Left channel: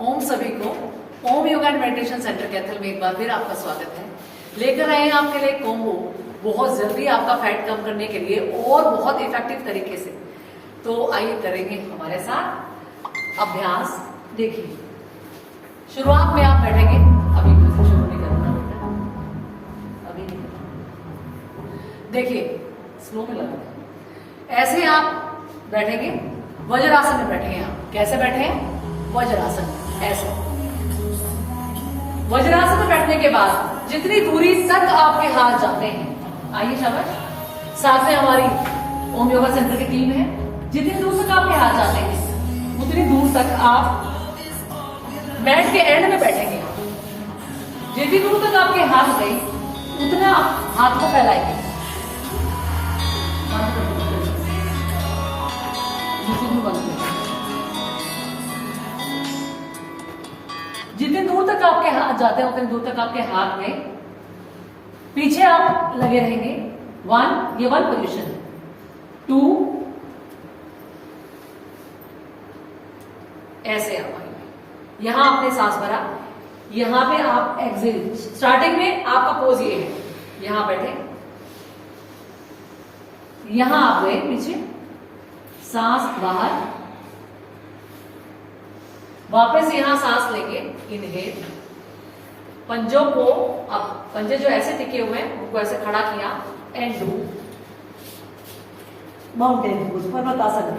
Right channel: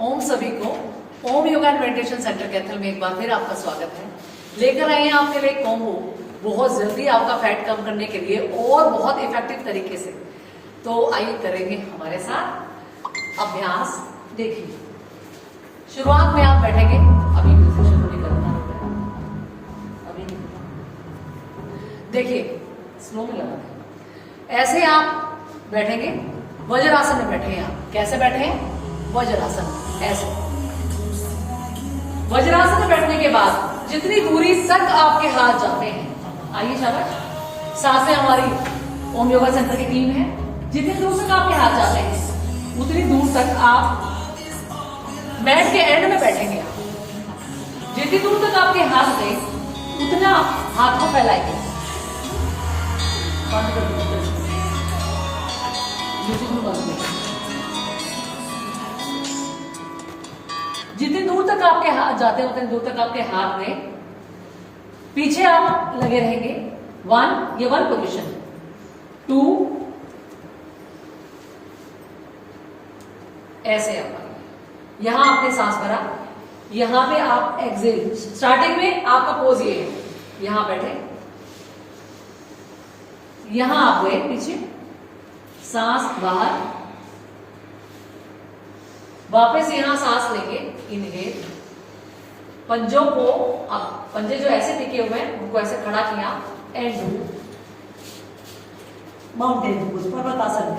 ओम सभी को ओम yoga and meditation centre Kaithal में एक बार फिर आपका स्वागत है। लेकर आए हैं आपके लिए कॉम्बो बहुत जल्दी आपका फैट कम करने के लिए और बहुत इफेक्टिव तरीके से। तो आइए करेंगे हमारे साथ अभ्यास। देखिए, शुरुआत में आप बैठेंगे, अभी म्यूजिक शुरू नहीं करना होता है, अभी नहीं करना। देखिए, स्लो में लगा, ऐसे आप बैठेंगे, वज्रासन में बैठे हैं। आप कैसे बैठे हैं? वज्रासन, ऐसे। वज्रासन में बैठने के बाद जितनी दूरी तक आपके हाथ जाते हैं, आइए शाबाश, साथ में हमारी ओम योगा सेंटर की टीम है, जितनी दूर तक आपके हाथ जाते हैं उतनी दूर तक आप मैट के एंड में बैठेंगे। जितनी दूर तक आपके हाथ गए उतना हाथ को फैलाएंगे। बंद कर दीजिए, बंद कर। जितनी दूर तक आपके हाथ जाते हैं उतनी दूर तक आपके हाथ में पीछे आप लगे रहेंगे। 1, ये 1 पोजीशन, 2, ऐसे आप आएंगे। यहां आपने सांस भरा, यहां पे आप एक्सेल। स्टार्टिंग में आपका पोज ये है, यहां बैठे, यहां आप गए पीछे, सांस बाहर, वापस यहां सांस लेके इनहेल, पंजों को, अब पंजे जो ऐसे टिके हुए हैं उनको ऐसे खड़ा किया एंड डू माउंटेन पोज, पर्वतासन।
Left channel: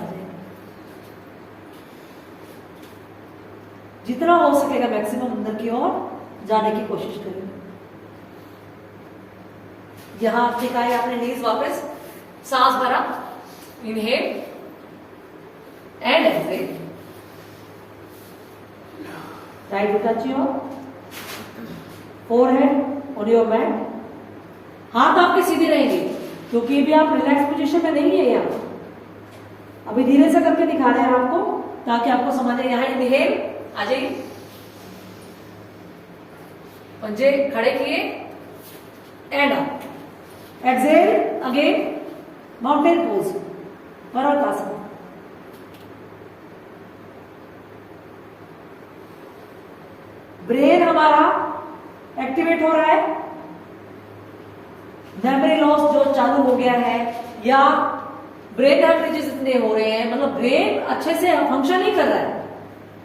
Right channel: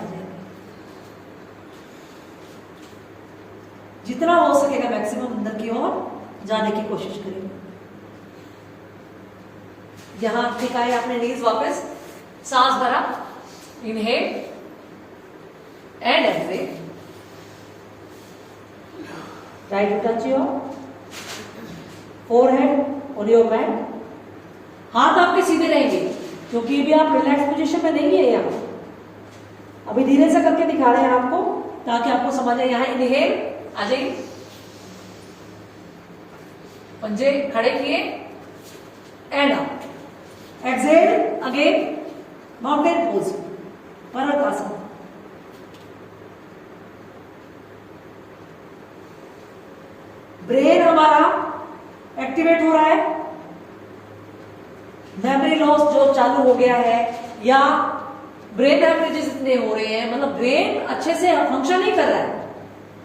जितना हो सकेगा मैक्सिमम अंदर की ओर जाने की कोशिश करिए। यहां टिकाए आपने नीज, वापस सांस भरा, inhale and exhale. Try to touch your forehead on your mat. हाथ आपके सीधे रहेंगे क्योंकि भी आप रिलैक्स पोजीशन में नहीं है। यहाँ अभी धीरे से करके दिखा रहे हैं आपको ताकि आपको समझ आए। यहाँ इनहेल, आ जाइए, पंजे खड़े किए and up, exhale again, mountain pose, पर्वतासन। ब्रेन हमारा एक्टिवेट हो रहा है, मेमोरी लॉस जो चालू हो गया है या ब्रेन हेमरेजेस इतने हो रहे हैं, मतलब ब्रेन अच्छे से फंक्शन नहीं कर रहा है।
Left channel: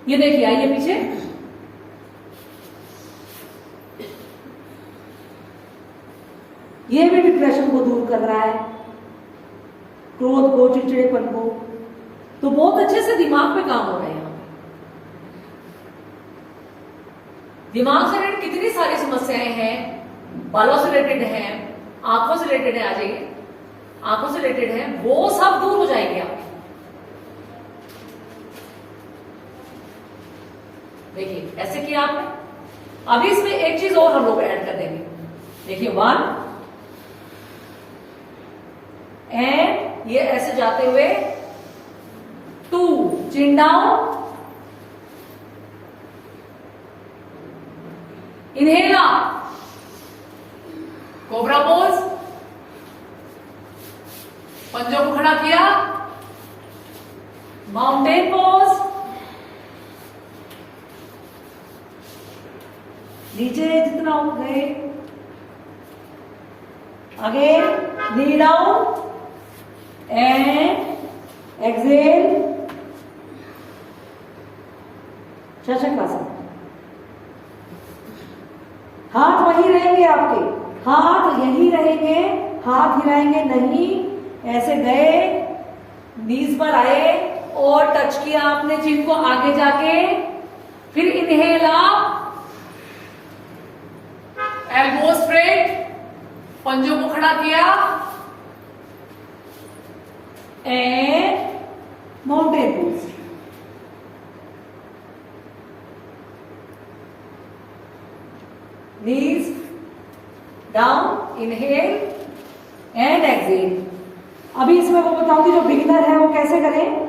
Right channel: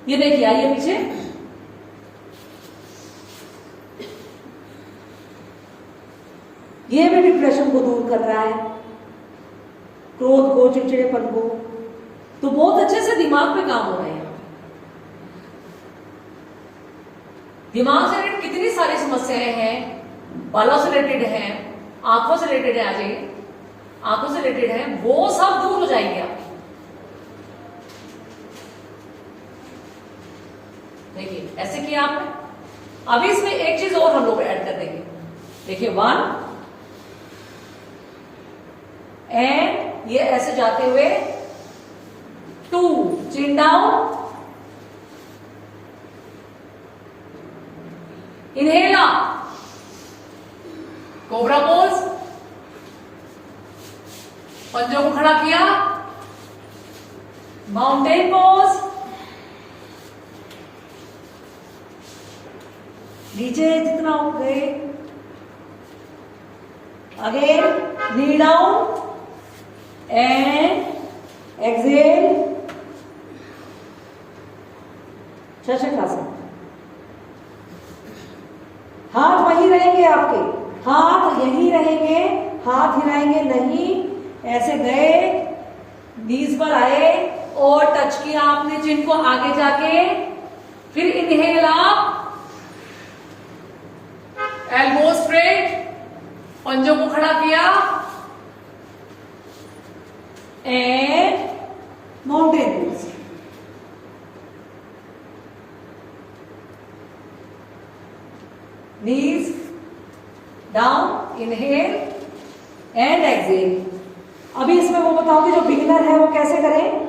ये देखिए, आइए पीछे, ये भी डिप्रेशन को दूर कर रहा है, क्रोध को, चिड़चिड़ेपन को। तो बहुत अच्छे से दिमाग पे काम हो रहा है। दिमाग से रिलेटेड कितनी सारी समस्याएं हैं, बालों से रिलेटेड हैं, आंखों से रिलेटेड है, आ जाइए, आंखों से रिलेटेड है, वो सब दूर हो जाएंगे आप। देखिए, ऐसे किया आपने। अभी इसमें एक चीज और हम लोग ऐड कर देंगे। देखिए, 1 एंड ये ऐसे जाते हुए 2, chin down, inhale up, cobra pose, पंजों को खड़ा किया, माउंटेन पोज, नीचे जितना हो गए, again knee down and exhale, शशकासन। हाथ वहीं रहेंगे आपके, हाथ यहीं रहेंगे, हाथ हिलाएंगे नहीं। ऐसे गए, नीज पर आए और टच किया आपने चिन को आगे जाके, फिर इनहेल अप, एल्बो स्ट्रेट, पंजों को खड़ा किया and mountain pose. Knees down, inhale and exhale। अभी इसमें वो बताऊंगी जो बिगिनर है वो कैसे करें।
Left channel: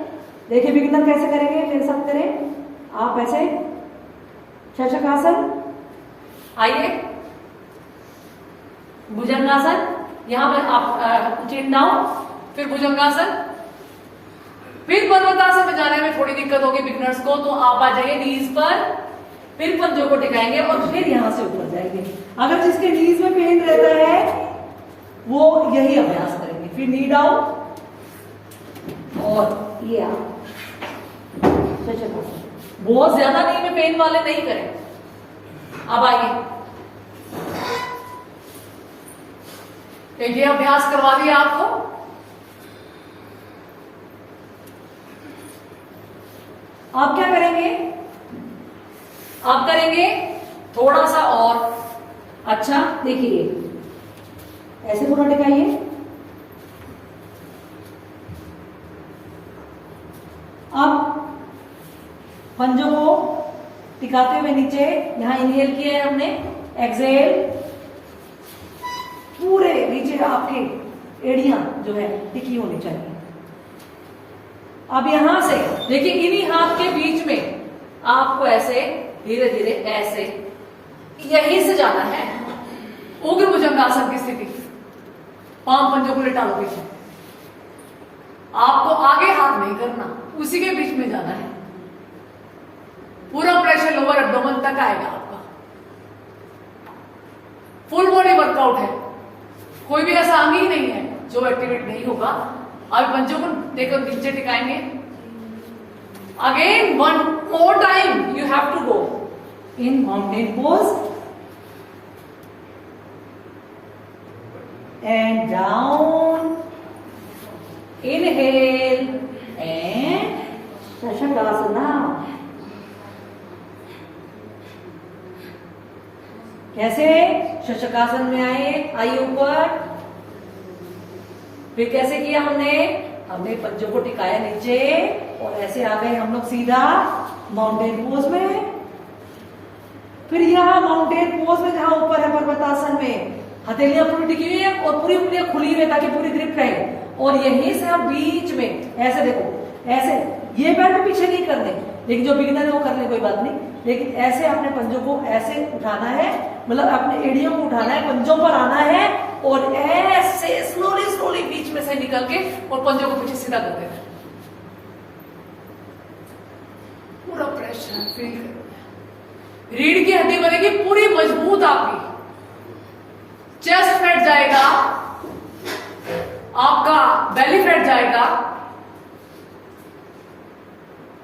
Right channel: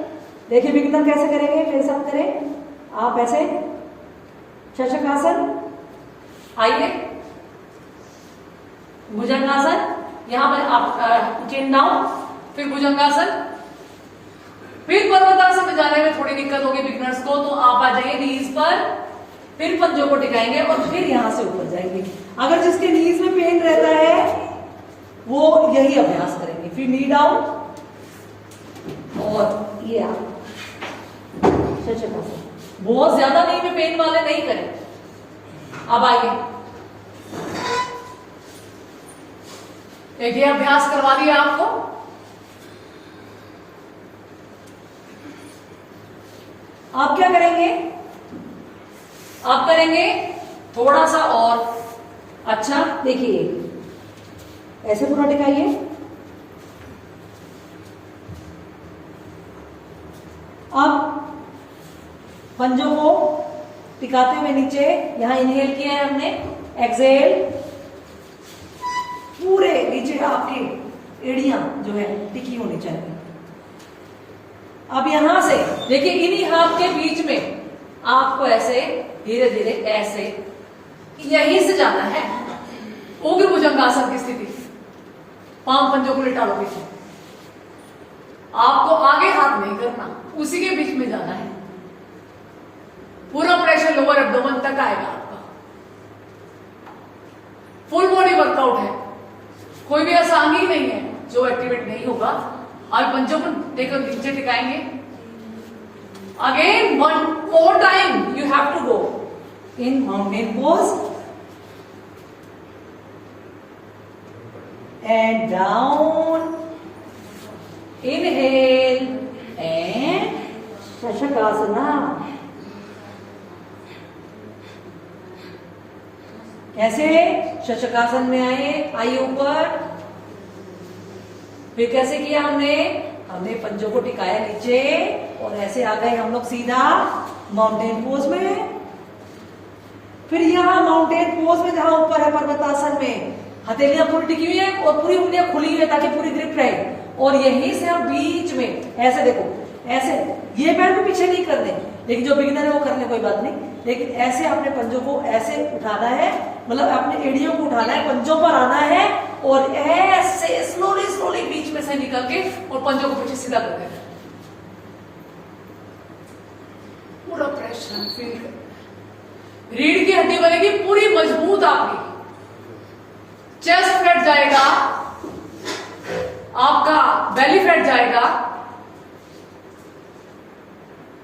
देखिए, बिगिनर कैसे करेंगे, मेरे साथ करें आप। ऐसे शशकासन, आइए, भुजंगासन, यहां पर आप चिन डाउन, फिर भुजंगासन, फिर पर्वतासन में जाने में थोड़ी दिक्कत होगी बिगिनर्स को। को, तो आप आ जाइए नीज पर, फिर पंजों को टिकाएंगे और फिर यहां से ऊपर जाएंगे। अगर जिसके नीज में पेन रहता है वो यही अभ्यास करेंगे। फिर नी डाउन और ये आप बहुत ज्यादा नी में पेन वाले नहीं करें। अब आइए, ये अभ्यास करवा दिया आपको। आप क्या करेंगे? आप करेंगे थोड़ा सा और। अच्छा देखिए, ऐसे पूरा टिकाइए, अब पंजों को टिकाते हुए नीचे, यहां इनहेल किया है हमने, एक्सहेल, पूरे नीचे आपके एड़ियां जो है टिकी होनी चाहिए। अब यहां से देखिए, इन्हीं हाथ के बीच में आपको ऐसे धीरे धीरे ऐसे यहीं से जाना है उग्र भुजंगासन की स्थिति। पांव पंजों को लेटा लो पीछे, आपको आगे हाथ नहीं करना, उसी के बीच में जाना है। पूरा प्रेशर लोअर एब्डोमेन तक आएगा आपका। फुल बॉडी वर्कआउट है, कोई भी ऐसा अंग ही नहीं है जो एक्टिवेट नहीं होगा। अब पंजों को देखो नीचे टिकाएंगे। Again one more time you have to go in mountain pose and down, inhale and शशकासना। कैसे? शशकासन में आइए ऊपर। फिर कैसे किया हमने? हमने पंजों को टिकाया नीचे और ऐसे आ गए हम लोग सीधा माउंटेन पोज में। फिर यहां माउंटेन पोज में जहां ऊपर है पर्वतासन में, हथेलियां पूरी टिकी हुई है और पूरी उंगलियां खुली हुई है ताकि पूरी ग्रिप रहे। और यहीं से हम बीच में ऐसे देखो, ऐसे ये पैर भी पीछे नहीं करने, लेकिन जो बिगिनर है वो कर ले, कोई बात नहीं। लेकिन ऐसे अपने पंजों को ऐसे उठाना है, मतलब अपने एड़ियों को उठाना है, पंजों पर आना है और ऐसे स्लोली स्लोली बीच में से निकल के और पंजों को पीछे सीधा कर देना। पूरा प्रेशर फील कर, रीढ़ की हड्डी बनेगी पूरी मजबूत आपकी, चेस्ट फैट जाएगा, आपका बेली फैट जाएगा,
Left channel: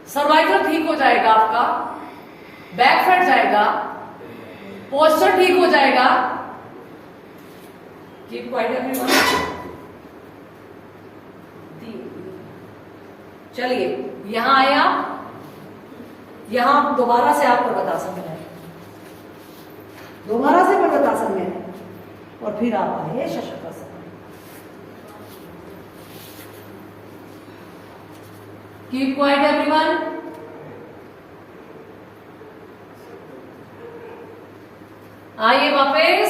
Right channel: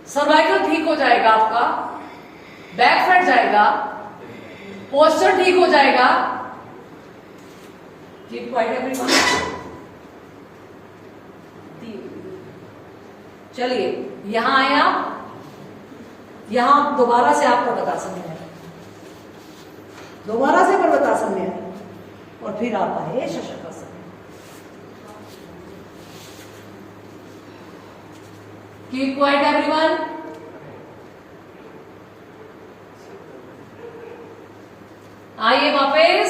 सर्वाइकल ठीक हो जाएगा, आपका बैक फैट जाएगा, पोस्चर ठीक हो जाएगा। Keep quiet everyone. चलिए यहां आया, यहां दोबारा से आप पर्वतासन में आए, दोबारा से पर्वतासन में आए और फिर आप आए शशकासन। Keep quiet everyone. आइए वापस,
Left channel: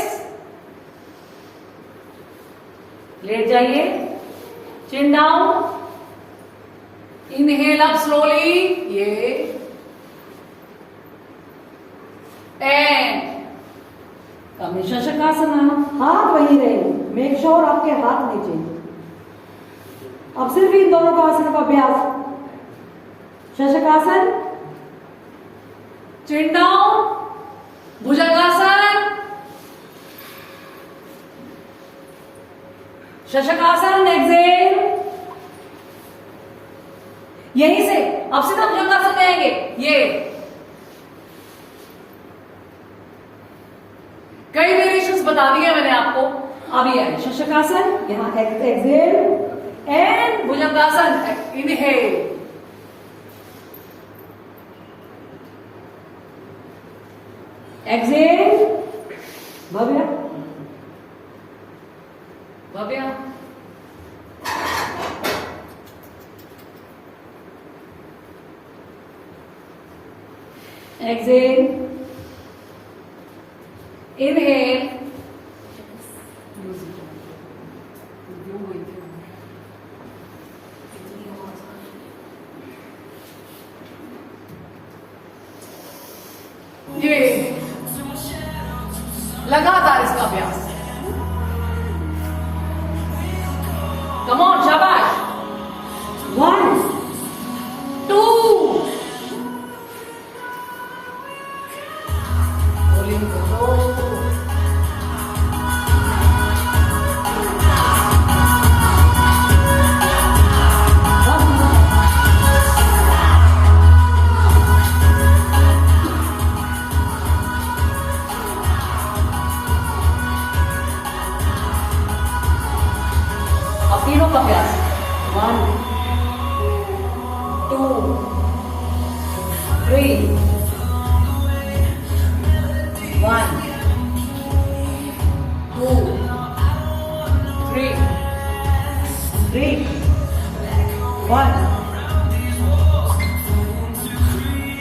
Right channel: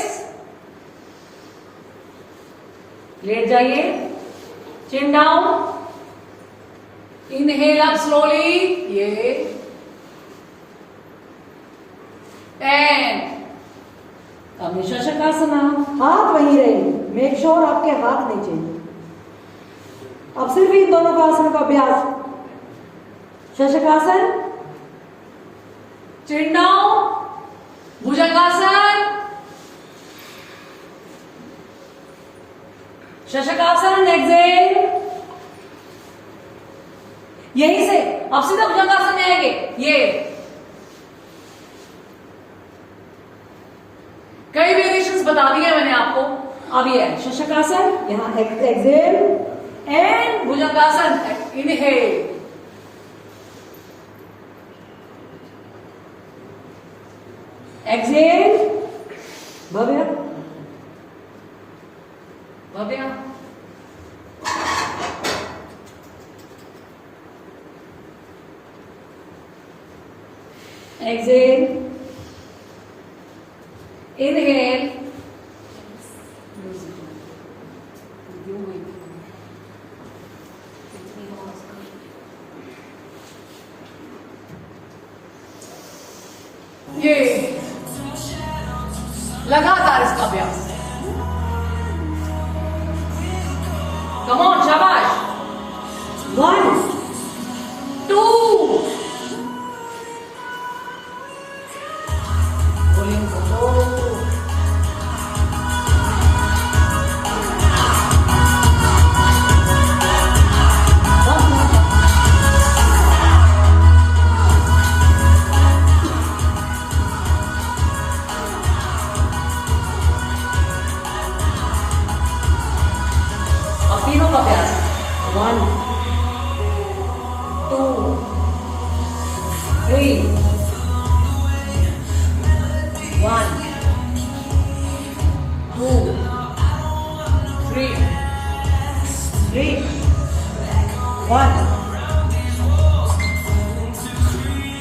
लेट जाइए, चिन डाउन, इनहेल अप स्लोली, ये एंड कम शशकासन। हाथ वहीं रहे, मेक श्योर आपके हाथ नहीं चेंज। अब सिर्फ इन दोनों का आसन का अभ्यास। शशकासन, चिन डाउन, भुजंगासन, शशकासन, एक्सहेल। यहीं से अब सीधा भुजंगासन में आएंगे। ये कई वेरिएशंस बता दिए मैंने आपको। अब ये है शशकासन, यहां exhale and bhujangasana, inhale. Exhale, Bhavya Bhavya, exhale, inhale, ये लगातार इसका अभ्यास। कम ऑन, शाबाश। 1 2 3, 1, 2, 3, 1,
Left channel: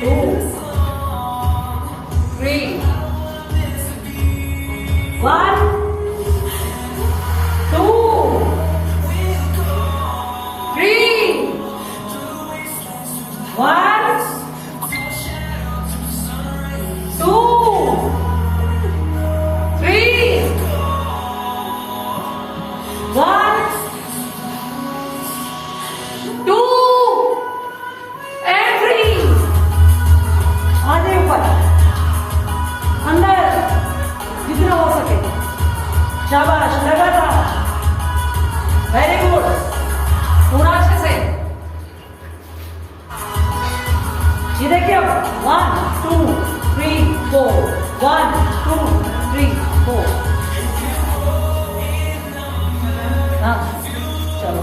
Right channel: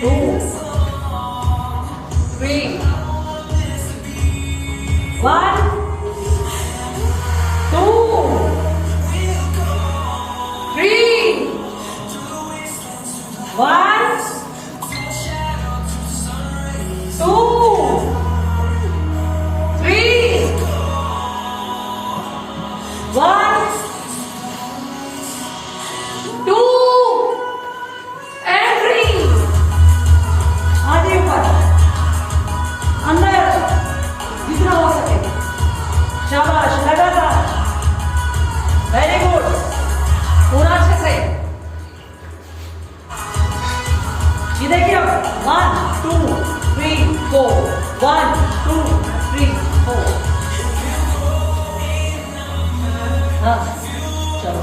2, 3, 1, 2, 3, 1, 2, 3, 1, 2 and 3. आगे ऊपर, अंदर जितना हो सके। शाबाश, लगातार। वेरी गुड, पूरा अच्छे से। ये देखिए, 1, 2, 3, 4, 1, 2, 3, 4। हाँ, चलो।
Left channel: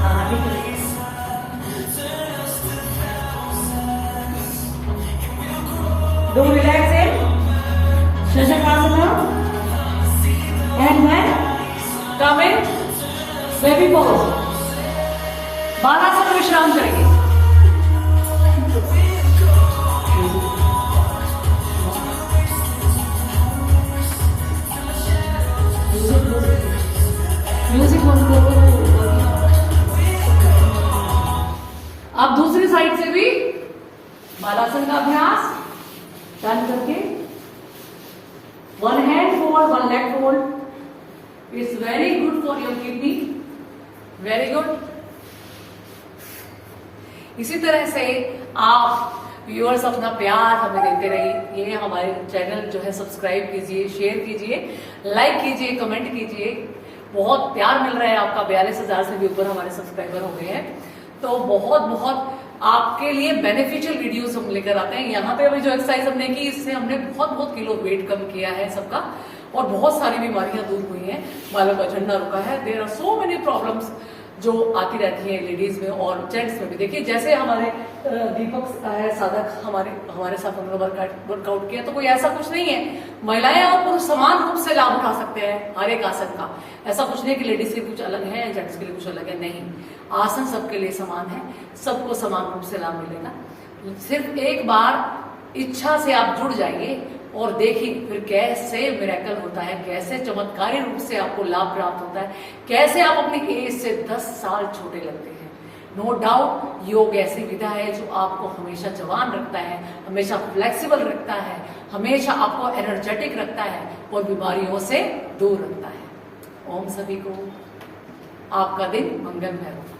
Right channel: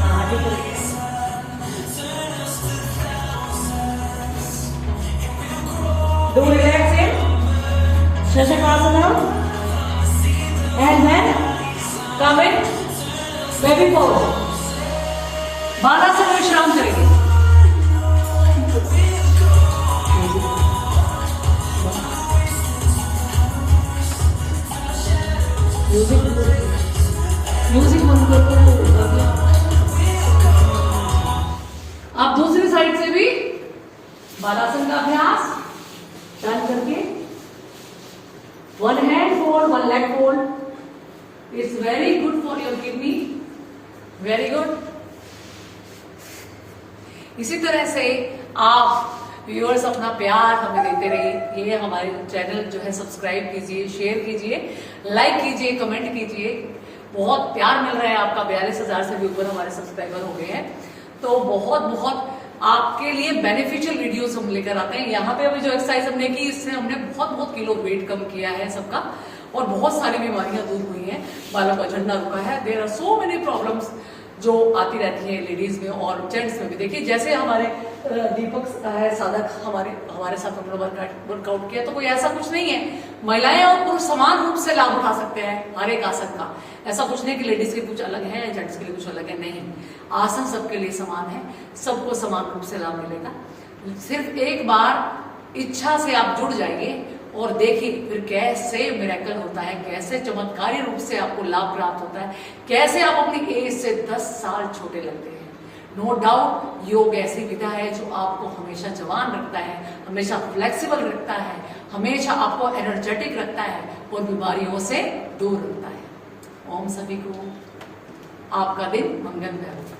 हाँ, ठीक है। Do relaxing, Shashakasana, and then come in baby pose. बालासन विश्राम करेंगे। म्यूजिक बंद करो। आप दूसरी साइड से भी बालासन का अभ्यास चालू करके, 1 hand fold, 1 leg fold. It's very good for your kidney. Very good. इसी तरह से आप व्यूअर्स अपना प्यार हमें देते रहिए। ये हमारे चैनल जो है सब्सक्राइब कीजिए, शेयर कीजिए, लाइक कीजिए, कमेंट कीजिए। बहुत प्यार मिल रहा है आपका। 42,000 से भी ऊपर हमारे सब्सक्राइबर हो गए हैं। तो बहुत बहुत आपके लिए बेनिफिशियल वीडियोस हम लेकर आते हैं। यहाँ पे अभी जो एक्सरसाइज हमने की, इससे हमने बहुत बहुत किलो वेट कम किया है सबका, और बहुत सारी बीमारियां दूर हुई हैं। बालों का झड़ना रुका है। There are so many problems जो आती रहती है लेडीज में और जेंट्स में भी। देखिए, जैसे हमारे दीपक साधक हमारे साथ हमने वर्कआउट किया, तो कोई ऐसा कुछ नहीं है। महिलाएं और पुरुष समान रूप से लाभ उठा सकते हैं हर एक आसन का। ऐसा कुछ नहीं कि लेडीज के कुछ अलग है, जेंट्स के लिए कुछ अलग है, नहीं। आसन सबके लिए समान है, सबको समान रूप से लाभ मिलेगा। सिर्फ एक बार इच्छा से आप जुड़ जाइए और देखिए फिर कैसे मिरेकल होता है, कैसे चमत्कारी रूप से आपको लाभ प्राप्त होता है, कैसे आप अपनी एज से 10 साल छोटे लगते हैं। नो डाउट, योग ऐसी विधा है जो आपको हमेशा जवान रखता है, हमेशा फ्लेक्सिबल रखता है, हमेशा आपको एनर्जेटिक रखता है और बीमारियों से दूर रखता है। ओम सभी को आपका दिन मंगलमय हो।